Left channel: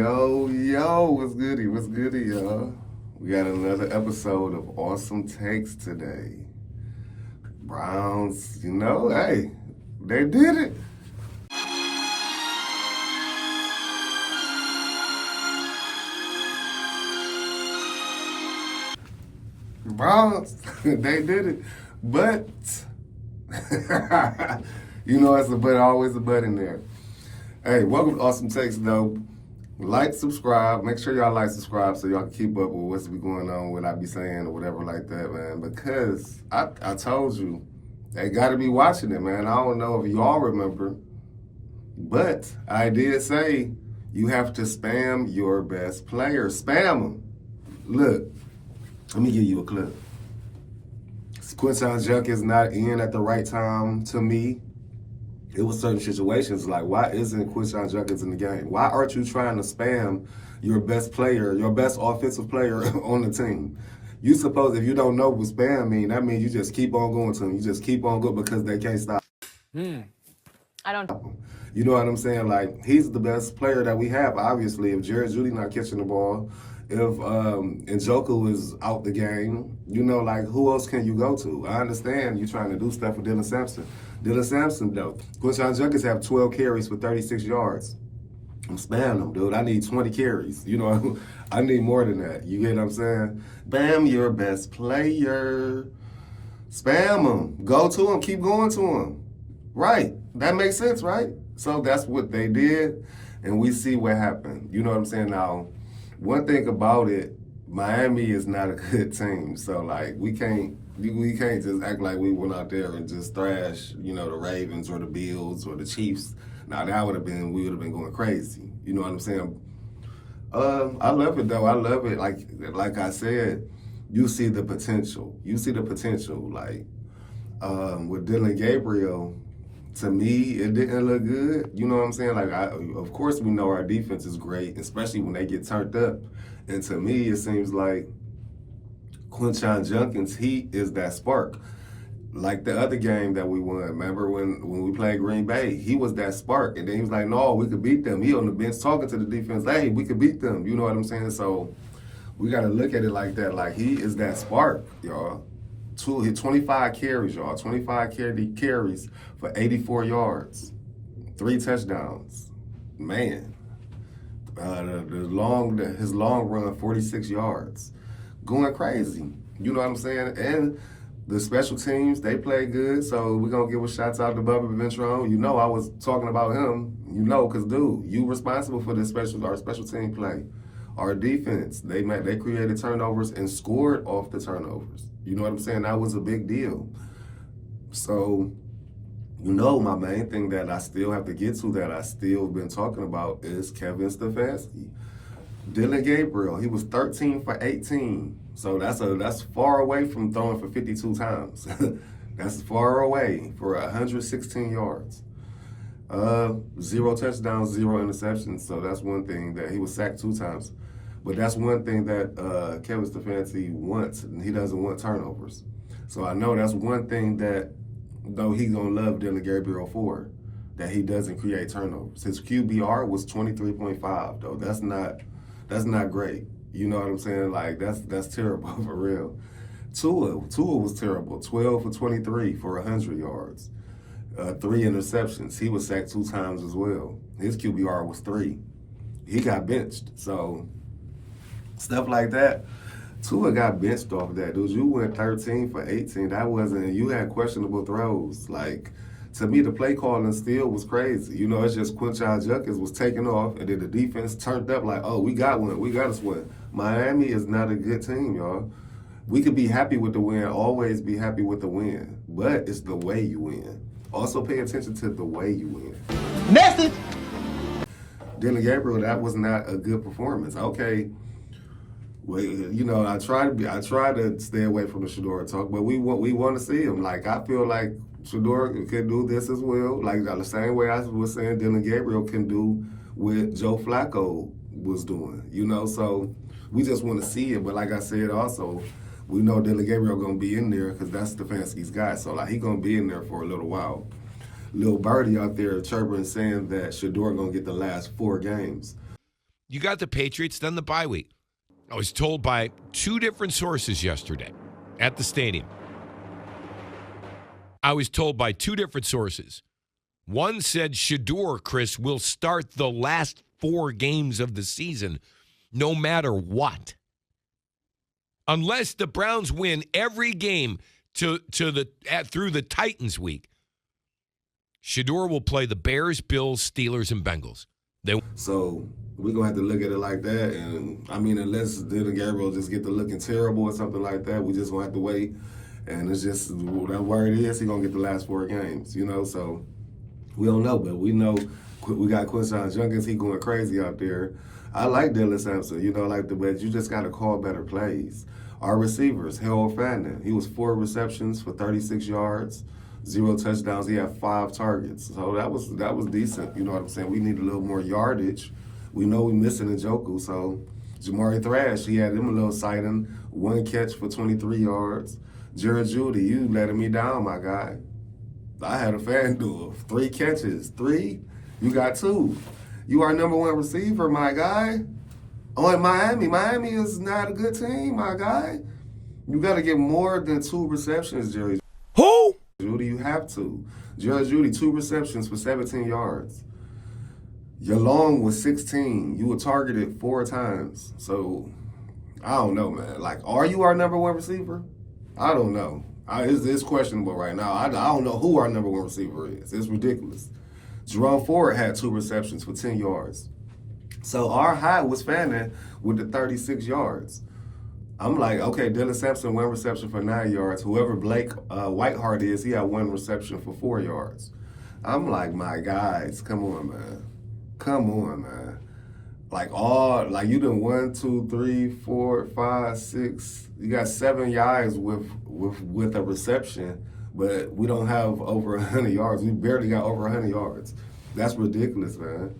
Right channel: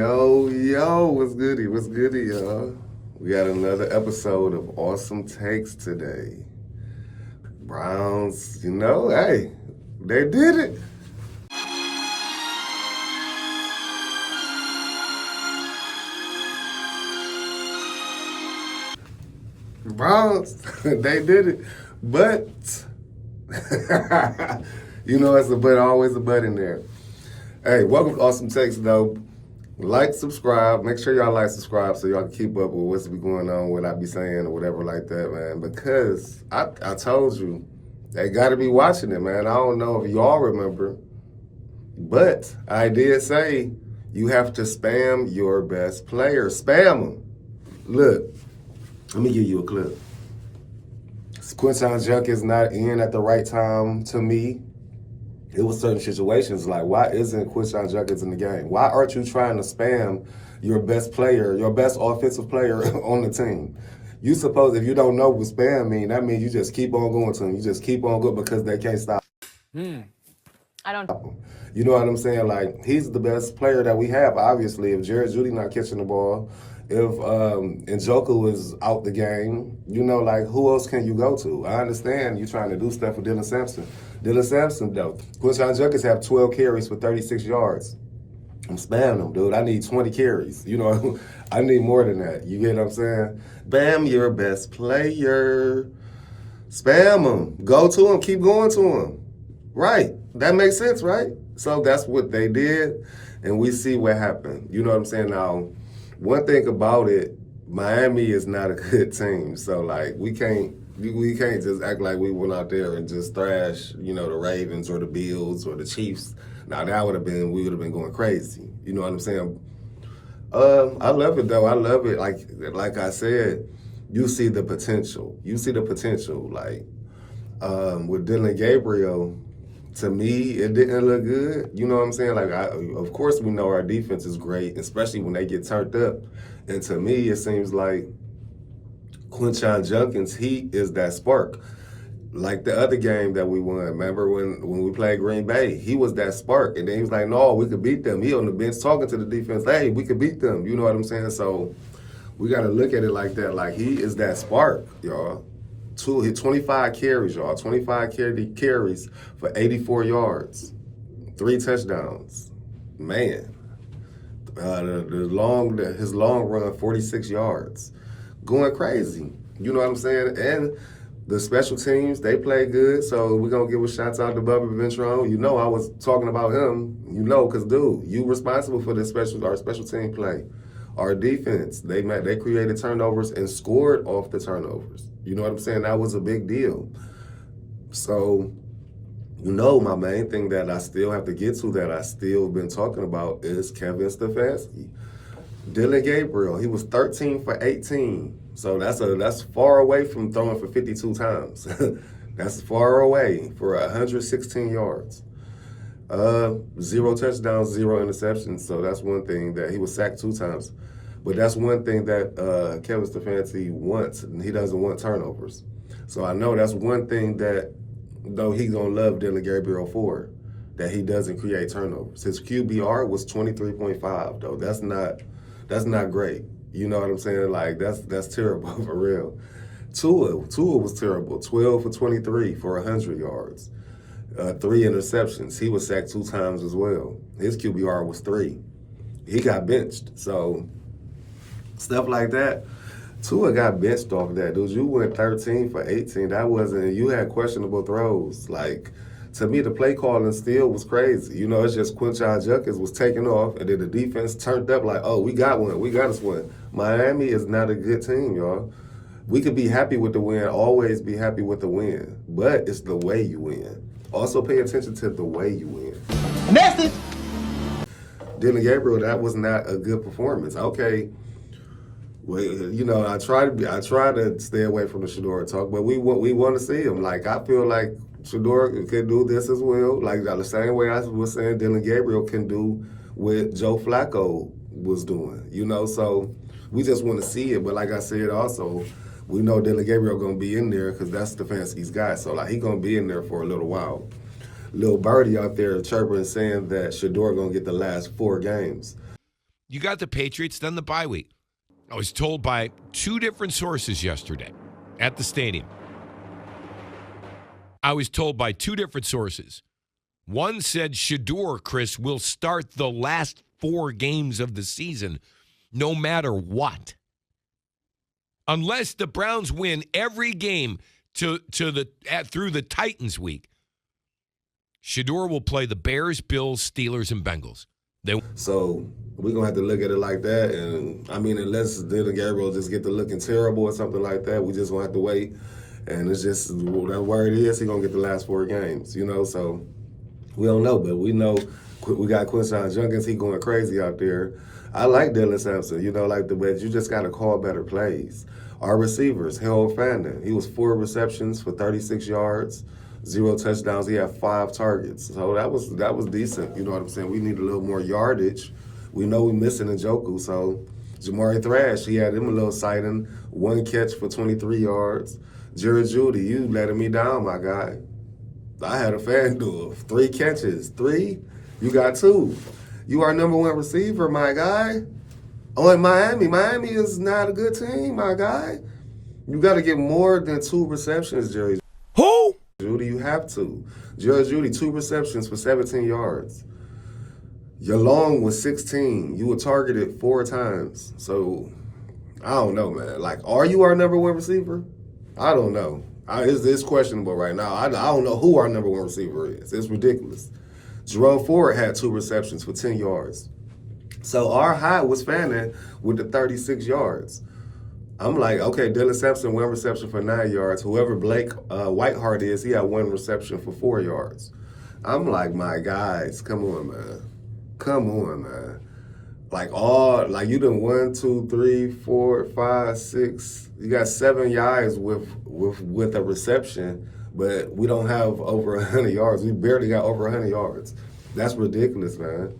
Yo, what's goody, y'all? We got another episode of Awesome Takes today. Browns, hey, they did it. Browns, they did it. But, it's a but, always a but in there. Hey, welcome to Awesome Takes, though. Like, subscribe. Make sure y'all like, subscribe so y'all can keep up with what's going on, what I be saying or whatever like that, man. Because I told you, they got to be watching it, man. I don't know if y'all remember, but I did say you have to spam your best player. Spam them. Look, let me give you a clip. Quinton Junk is not in at the right time to me. It was certain situations like, why isn't Quinton Junkins in the game? Why aren't you trying to spam your best player, your best offensive player on the team? You suppose if you don't know what spam mean, that means you just keep on going to them. You just keep on going because they can't stop. I don't. You know what I'm saying? Like, he's the best player that we have, obviously. If Jared Judy not catching the ball, if Njoku is out the game, who else can you go to? I understand you trying to do stuff with Dillion Sampson. Dillion Sampson, though. Quinton Junkins have 12 carries for 36 yards. I'm spamming them, dude. I need 20 carries. I need more than that. You get what I'm saying? Bam, your best player. Spam them. Go to them. Keep going to them. Right. That makes sense, right? So that's what they did, and we see what happened. You know what I'm saying? Now, one thing about it, Miami is not a good team. So, we can't just act like we went out there and just thrash, the Ravens or the Bills or the Chiefs. Now, we would have been going crazy. You know what I'm saying? I love it, though. I love it. Like I said, you see the potential. You see the potential. With Dillion Gabriel, to me, it didn't look good. You know what I'm saying? Of course, we know our defense is great, especially when they get turned up. And to me, it seems like Quinton Junkins, he is that spark. Like the other game that we won, remember when we played Green Bay, he was that spark. And then he was like, no, we could beat them. He on the bench talking to the defense, hey, we could beat them. You know what I'm saying? So we got to look at it like that. Like, he is that spark, y'all. 25 carries, y'all. 25 carries for 84 yards. 3 touchdowns. Man. His long run, 46 yards. Going crazy. You know what I'm saying? And the special teams, they play good. So we're going to give a shout out to Bubba Ventrone. I was talking about him. Because, dude, you responsible for our special team play. Our defense, they created turnovers and scored off the turnovers. You know what I'm saying? That was a big deal. So, my main thing that I still have to get to that I still been talking about is Kevin Stefanski. Dillion Gabriel, he was 13 for 18. So that's far away from throwing for 52 times. That's far away for 116 yards. 0 touchdowns, 0 interceptions. So that's one thing that he was sacked 2 times. But that's one thing that Kevin Stefanski wants. He doesn't want turnovers. So I know that's one thing that, though, he's going to love Dillion Gabriel for, that he doesn't create turnovers. His QBR was 23.5, though. That's not great. You know what I'm saying? That's terrible for real. Tua was terrible. 12 for 23 for 100 yards. 3 interceptions. He was sacked 2 times as well. His QBR was 3. He got benched. So stuff like that. Tua got benched off that. Dude, you went 13 for 18. You had questionable throws. To me, the play calling still was crazy. It's just Quinton Junkins was taking off, and then the defense turned up we got one. We got us one. Miami is not a good team, y'all. We could be happy with the win, always be happy with the win, but it's the way you win. Also pay attention to the way you win. Message! Dillion Gabriel, that was not a good performance. Okay, well, I try to stay away from the Shedeur talk, but we want to see him. I feel like Shedeur can do this as well. The same way I was saying Dillion Gabriel can do what Joe Flacco was doing. So we just want to see it. But like I said also, we know Dillion Gabriel going to be in there because that's Stefanski's guy. So he going to be in there for a little while. Lil Birdie out there chirping saying that Shedeur going to get the last 4 games. You got the Patriots, then the bye week. I was told by two different sources yesterday at the stadium. One said Shedeur, Chris, will start the last 4 games of the season no matter what. Unless the Browns win every game through the Titans week, Shedeur will play the Bears, Bills, Steelers, and Bengals. So we're going to have to look at it like that. And, I mean, unless Dillion Gabriels just get to looking terrible or something like that, we just going to have to wait. And it's just, that word is, he's going to get the last 4 games, So we don't know, but we know we got Quinshon Judkins. He going crazy out there. I like Dillion Sampson, but you just got to call better plays. Our receivers, Harold Fandon, he was 4 receptions for 36 yards, 0 touchdowns. He had 5 targets. So that was decent. You know what I'm saying? We need a little more yardage. We know we're missing Njoku. So Jamari Thrash, he had him a little sighting. 1 catch for 23 yards. Jared Judy, you letting me down, my guy. I had a FanDuel. 3 catches. 3? You got 2. You are number 1 receiver, my guy. Oh, in Miami. Miami is not a good team, my guy. You got to get more than 2 receptions, Jerry. Who? Judy, you have to. Jared Judy, 2 receptions for 17 yards. Your long was 16. You were targeted 4 times. So, I don't know, man. Are you our number 1 receiver? I don't know. It's questionable right now. I don't know who our number 1 receiver is. It's ridiculous. Jerome Ford had 2 receptions for 10 yards. So our high was Fanning with the 36 yards. I'm like, okay, Dillion Sampson, 1 reception for 9 yards. Whoever Blake Whiteheart is, he had 1 reception for 4 yards. I'm like, my guys, come on, man. You done 1, 2, 3, 4, 5, 6. You got 7 yards with a reception, but we don't have over 100 yards. We barely got over 100 yards. That's ridiculous, man.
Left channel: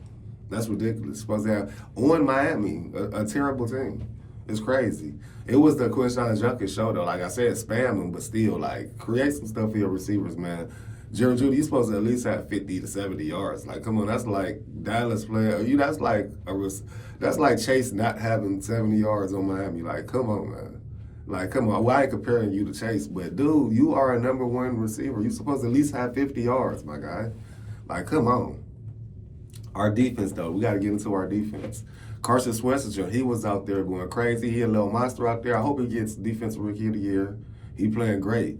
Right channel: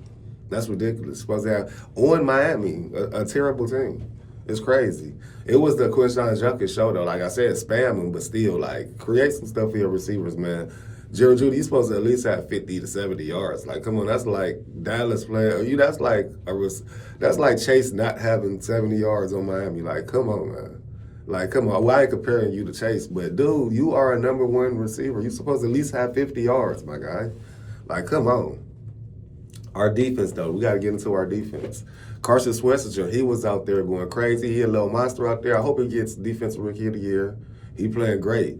That's ridiculous. Supposed to have on Miami, a terrible team. It's crazy. It was the Quinshon Judkins show, though. Like I said, spam them, but still, create some stuff for your receivers, man. Jared Judy, you're supposed to at least have 50 to 70 yards. Come on, that's like Dallas playing. That's like Chase not having 70 yards on Miami. Come on, man. Come on. Well, I ain't comparing you to Chase, but dude, you are a number 1 receiver. You're supposed to at least have 50 yards, my guy. Come on. Our defense, though, we got to get into our defense. Carson Swessinger, he was out there going crazy. He a little monster out there. I hope he gets Defensive Rookie of the Year. He playing great.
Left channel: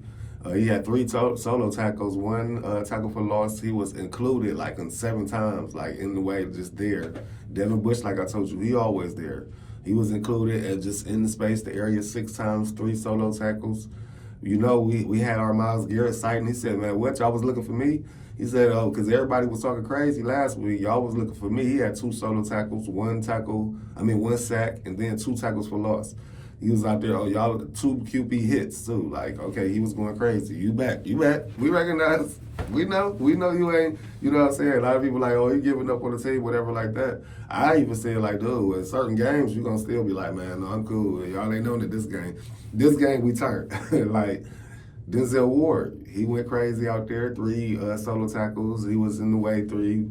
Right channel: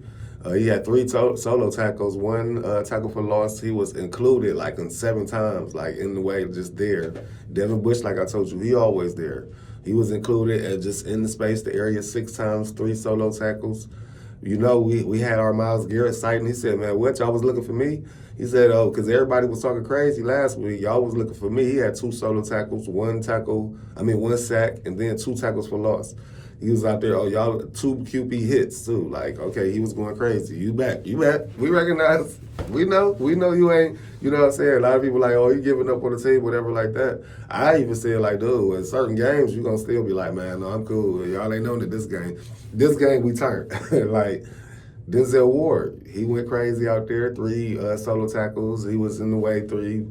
He had 3 solo tackles, 1 tackle for loss. He was included in 7 times, in the way just there. Devin Bush, like I told you, he always there. He was included and just in the space, the area 6 times, 3 solo tackles. We had our Myles Garrett sighting. He said, man, what, y'all was looking for me? He said, oh, because everybody was talking crazy last week. Y'all was looking for me. He had 2 solo tackles, 1 sack, and then 2 tackles for loss. He was out there, y'all, 2 QB hits, too. Okay, he was going crazy. You back. We recognize. We know you ain't, you know what I'm saying? A lot of people you giving up on the team, whatever like that. I even said, dude, in certain games, you going to still be like, man, no, I'm cool. Y'all ain't known that this game we turned. Denzel Ward, he went crazy out there. 3 solo tackles. He was in the way 3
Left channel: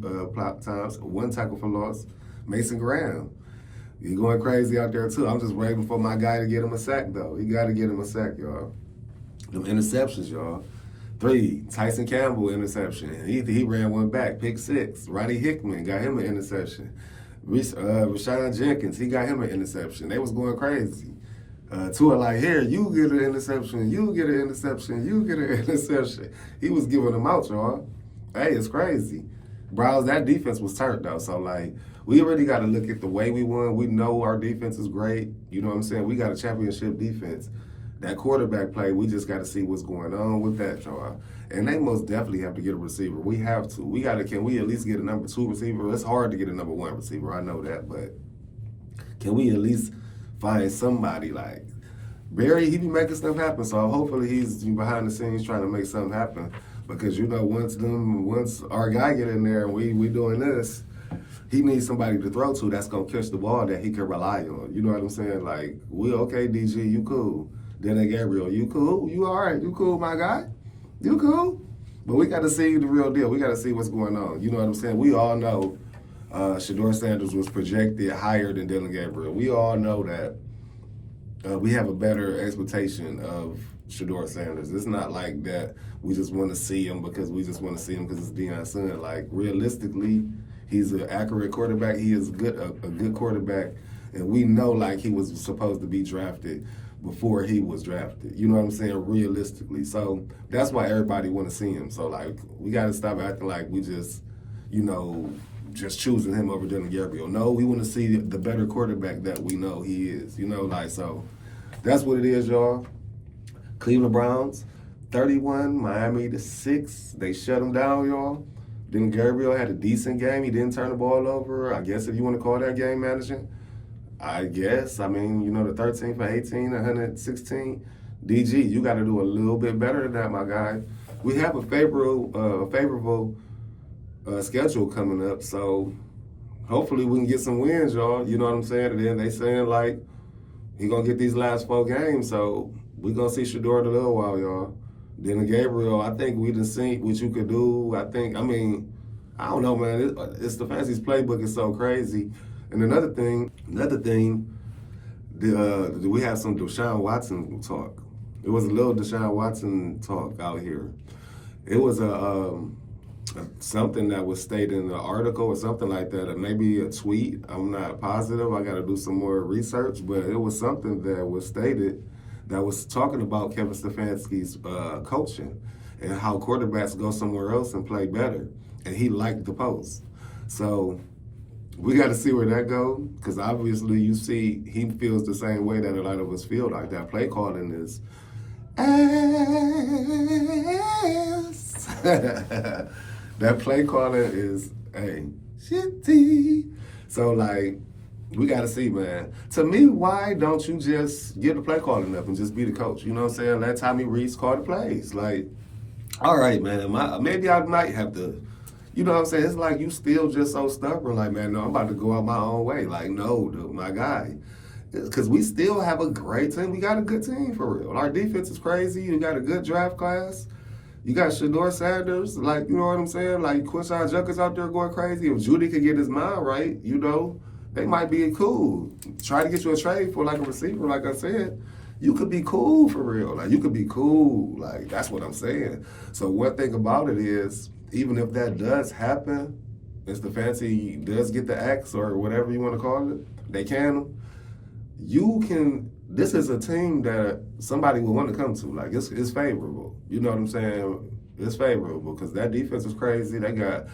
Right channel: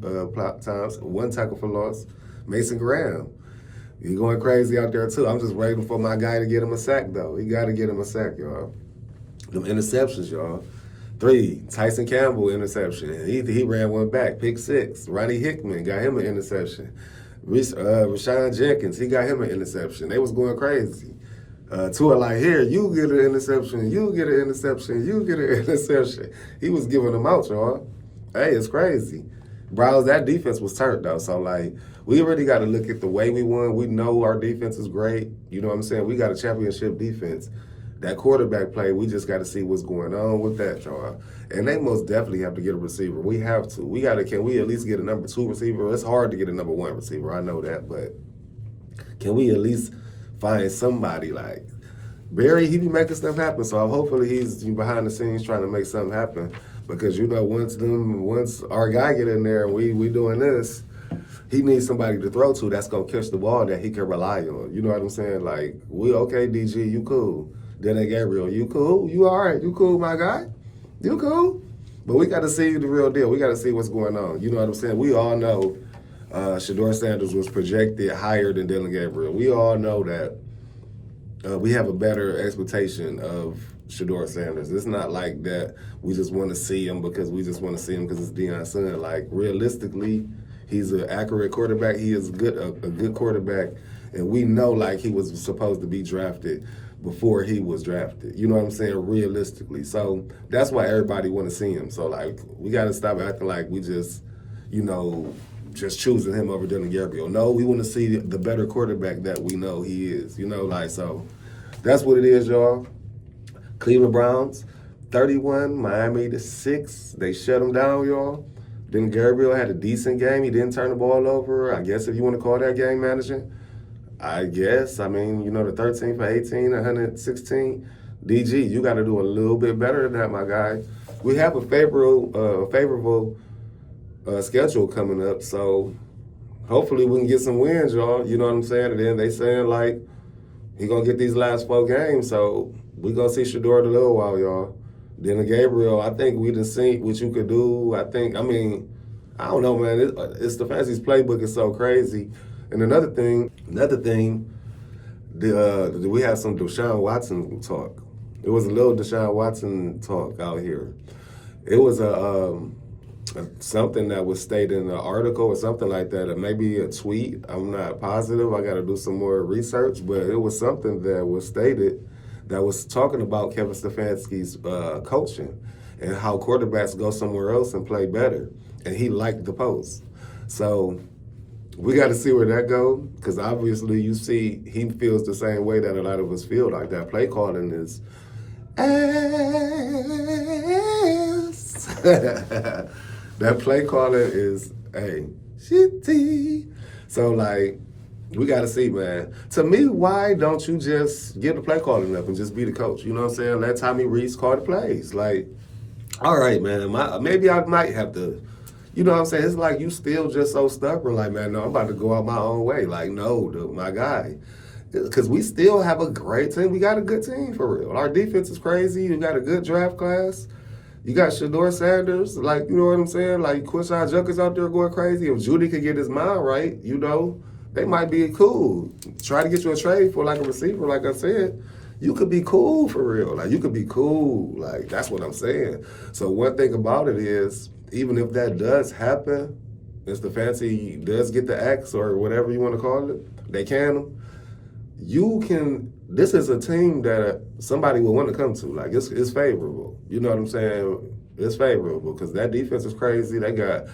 times. 1 tackle for loss. Mason Graham, he going crazy out there too. I'm just waiting for my guy to get him a sack though. He got to get him a sack, y'all. Them interceptions, y'all. 3, Tyson Campbell interception. He ran 1 back. Pick 6. Ronnie Hickman got him an interception. Rashawn Jenkins, he got him an interception. They was going crazy. 2 are here, you get an interception, you get an interception, you get an interception. He was giving them out, y'all. Hey, it's crazy. Browns, that defense was turned, though. So, we really got to look at the way we won. We know our defense is great. You know what I'm saying? We got a championship defense. That quarterback play, we just got to see what's going on with that, y'all. And they most definitely have to get a receiver. We have to. Can we at least get a number 2 receiver? It's hard to get a number 1 receiver. I know that, but can we at least find somebody Barry, he be making stuff happen, so hopefully he's behind the scenes trying to make something happen. Because once our guy get in there and we doing this, he needs somebody to throw to that's gonna catch the ball that he can rely on. You know what I'm saying? We okay, DG, you cool. Dillion Gabriel, you cool? You all right? You cool, my guy? You cool? But we got to see the real deal. We got to see what's going on. You know what I'm saying? We all know Shedeur Sanders was projected higher than Dillion Gabriels. We all know that we have a better expectation of Shedeur Sanders. It's not like that we just want to see him because we just want to see him because it's Deion's son. Like, realistically, he's an accurate quarterback. He is a good quarterback. And we know, like, he was supposed to be drafted before he was drafted. You know what I'm saying? Realistically. So that's why everybody want to see him. So, like, we got to stop acting like we just, just choosing him over Dillion Gabriels. No, we want to see the better quarterback that we know he is. So that's what it is, y'all. Cleveland Browns, 31, Miami to 6. They shut them down, y'all. Dillion Gabriels had a decent game. He didn't turn the ball over. I guess if you want to call that game managing. I guess. I mean, the 13 for 18, 116. DG, you got to do a little bit better than that, my guy. We have a favorable schedule coming up, so hopefully we can get some wins, y'all. You know what I'm saying? And then they saying, like, he going to get these last 4 games, so we going to see Shedeur in a little while, y'all. Dillion Gabriels, I think we done seen what you could do. I don't know, man. It's Stefanski's playbook is so crazy. And another thing, we had some Deshaun Watson talk. It was a little Deshaun Watson talk out here. It was something that was stated in an article or something like that, or maybe a tweet. I'm not positive. I got to do some more research, but it was something that was stated that was talking about Kevin Stefanski's coaching and how quarterbacks go somewhere else and play better. And he liked the post. So we got to see where that goes, because obviously you see he feels the same way that a lot of us feel. Like, that play calling is ass. That play calling is shitty. So, like, we got to see, man. To me, why don't you just give the play calling up and just be the coach? You know what I'm saying? Let Tommy Rees call the plays. Like, all right, man, maybe I might have to. You know what I'm saying? It's like you still just so stubborn. Like, man, no, I'm about to go out my own way. Like, no, dude, my guy. Because we still have a great team. We got a good team, for real. Our defense is crazy. You got a good draft class. You got Shedeur Sanders. Like, you know what I'm saying? Like, Quinshon Judkins out there going crazy. If Judy could get his mind right, they might be cool. Try to get you a trade for, like, a receiver, like I said. You could be cool, for real. Like, you could be cool. Like, that's what I'm saying. So one thing about it is, even if that does happen, if Stefanski does get the axe or whatever you want to call it, they can. This is a team that somebody will want to come to. Like, it's favorable. You know what I'm saying? It's favorable because that defense is crazy. They got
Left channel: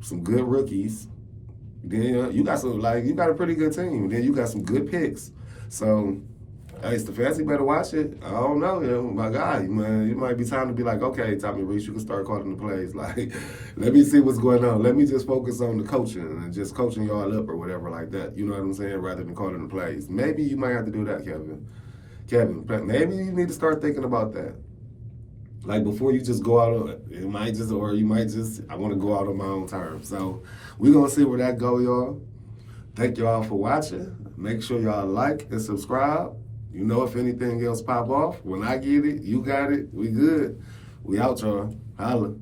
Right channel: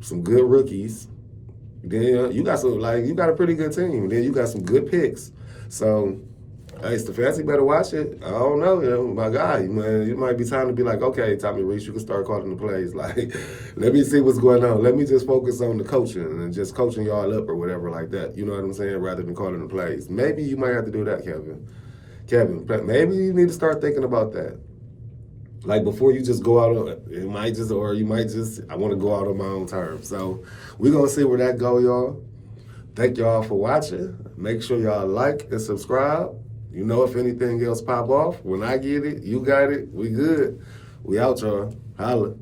some good rookies. Then you got a pretty good team. Then you got some good picks. So, hey, Stefanski better watch it. I don't know, my guy, man. It might be time to be like, okay, Tommy Rees, you can start calling the plays. Like, let me see what's going on. Let me just focus on the coaching and just coaching y'all up or whatever like that. You know what I'm saying? Rather than calling the plays. Maybe you might have to do that, Kevin. Maybe you need to start thinking about that. Like, before you just go out, I want to go out on my own terms. So we're going to see where that go, y'all. Thank y'all for watching. Make sure y'all like and subscribe. If anything else pop off, when I get it, you got it, we good. We out, y'all. Holla.